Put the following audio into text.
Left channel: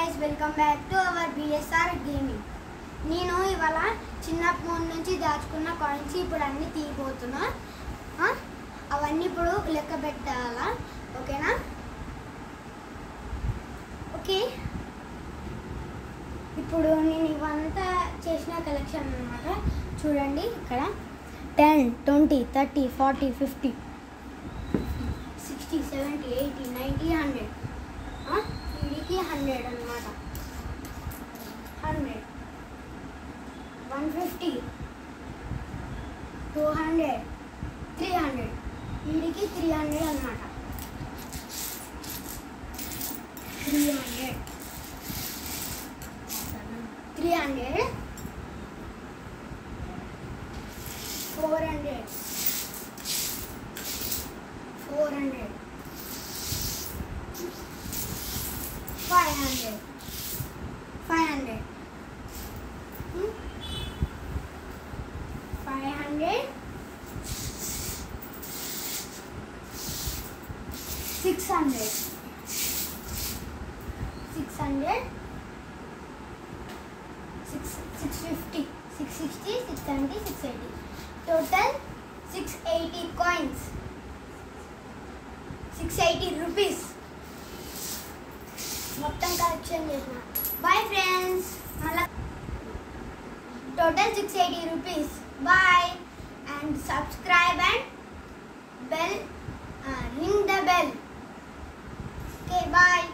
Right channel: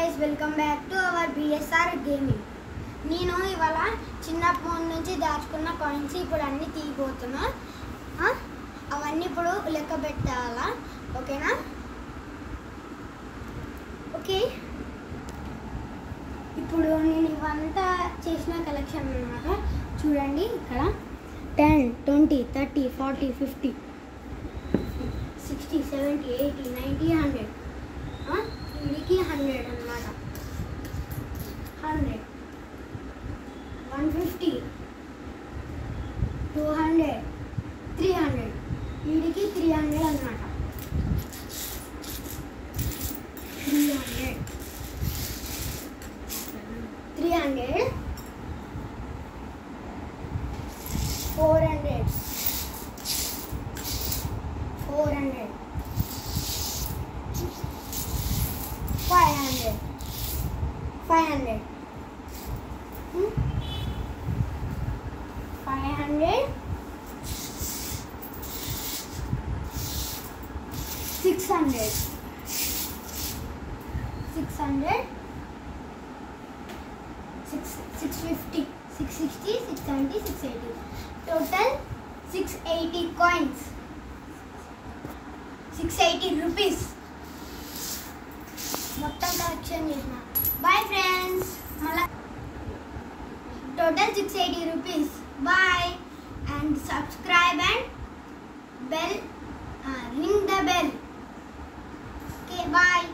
guys, welcome back to our BSR gaming. నేను ఇవాళ చిన్నప్పటి నుంచి దాచుకున్న కాయిన్స్ ఇప్పుడు అన్ని తీయబోతున్నా. అవన్నీ ఇప్పుడు లెక్క పెట్టాలా, ఓకేనా? ఓకే, ఇప్పుడు నేను ఇవంతా చేసిన కలెక్షన్ అన్నమాట. చూడండి ఇక్కడ 10, 20, 30, 40, 50, 60, 70, 80, 90, 100. వీడికి 100 అన్నమాట. 100, 150, 200, 300. వీడికి 300 అన్నమాట. 300, 300, 400, 400, 500, 500, 500, 600, 600, 650, 660, 670, 680. Total 680 coins. 680 rupees. మొత్తం కలెక్షన్ చేసిన. Bye friends. మళ్ళా total 680 rupees. Bye and subscribe and bell, ring the bell. Okay, bye.